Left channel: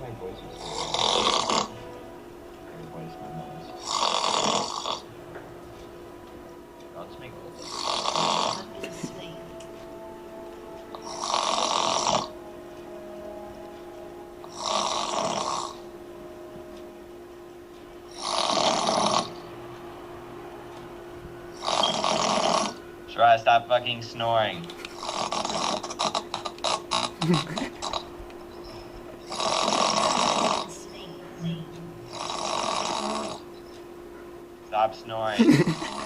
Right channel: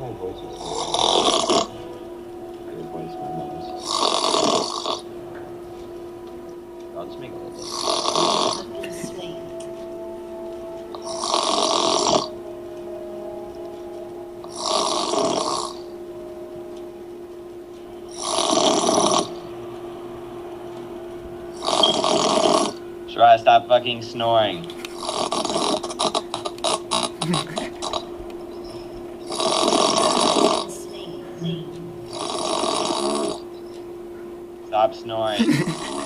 my voice was so I replaced my nose. I'll just make a little bit. Try stop fucking snoring. Stop snoring.